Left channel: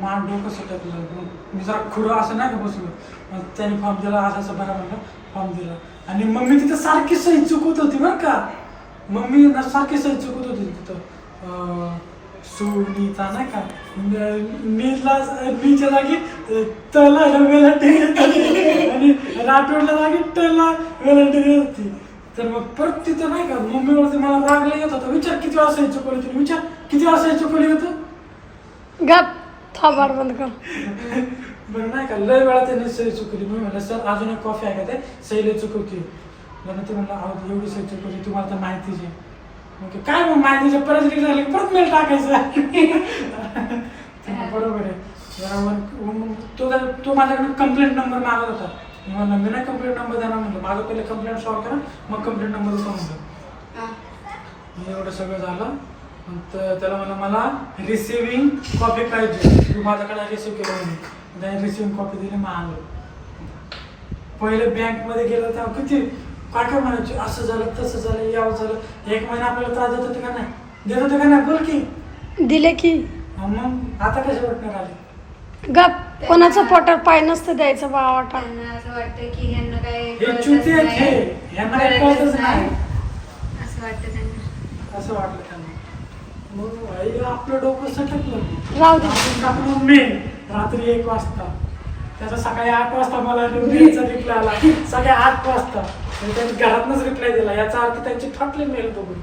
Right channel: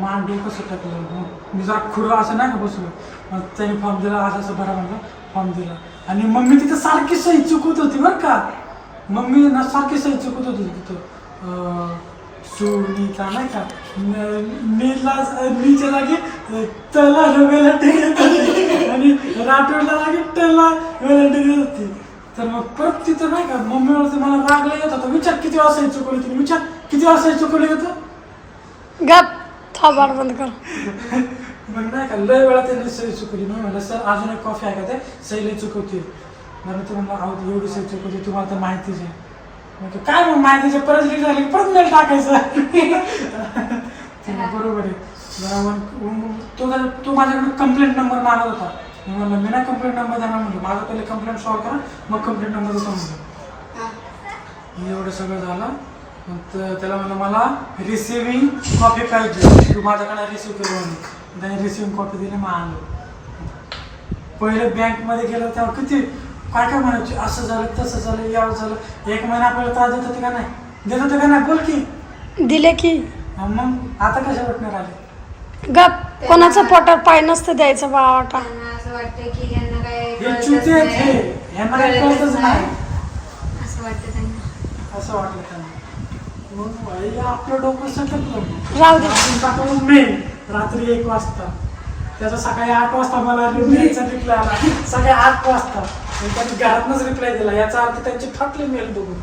मान डोकं सटकलं. मी जरा खुडं असं नाही का बसलो. मग त्याने फॉर्म दिला, असं भरा म्हणलं, फॉर्म दिला. आणि मम्मी तिथं सारखी सही चुकत होती बरं का. मम्मी ना सारखी सही चुकत होती तिथं. सुनीता नाही का, नीच्या जागी तला आणि राठोडला जागी टला होती. तर मग परत तिथं नाही का मम्मीवरती मला रागला येत होता. विचार किती वाजता चुकवली होती, विचार किती वाजता चुकवली होतं. गप थोबाड बंद कर. मग नाही का लय वेळा त्यांनी सही चुकवली. मी म्हणलं सर अजून एक कॉफी आहे का, ते सही लई चुकवते. म्हणून ते म्हणलं अहो एवढी सही चुकवते तुम्हाला तर माहितीच आहे. काय मग माहितीचे परत रीड झाले की परत मेल टाकायचा. बरोबर आहे. तो माझ्याकडे कंप्लेंट नंबर मागत होता. म्हणलं मी नाही कंप्लेंट नंबर देणार म्हणलं, माझं पहिले कंप्लेंट सॉल्व करा मग कंप्लेंट नंबर देतो म्हणलं. एवढं सगळं झालं. तर त्याला म्हणलं मला रिसिव्हिंग कॉपी पाहिजे, तू माझ्याकडे रिसिव्ह केलं म्हणून. त्याने रिसिव्हिंग कॉपी दिली, मग आणलं. पहिले बँकमध्ये गेलं तेव्हा किती काय काय म्हणायचे, असं झालं तसं झालं यावं झालं. 1 महिना आपल्याला त्रास देत होते का नाही, देत होते का नाही बोल की. दिले की मग आता कशा भेटणार आले. गप कोणाचं पोटावर पाय नसतं द्यायचं बावाटा. असं वाटतं की यांना काय हे चुती आहेत, हे ह्यांना काही कळतच नाही असं वाटतं त्यांना. असं वाटलं त्यांना. मग आई आपलं डोकं सटकलं. राहू दे. मेन रात्री 1 वाजता त्याचा सकाळी 8 वाजता मला रिप्लाय आला. सकाळी 8 वाजता त्यांनी घरातनच रिप्लाय दिला. याचा अर्थ त्यांचे फाटले मेल बघून.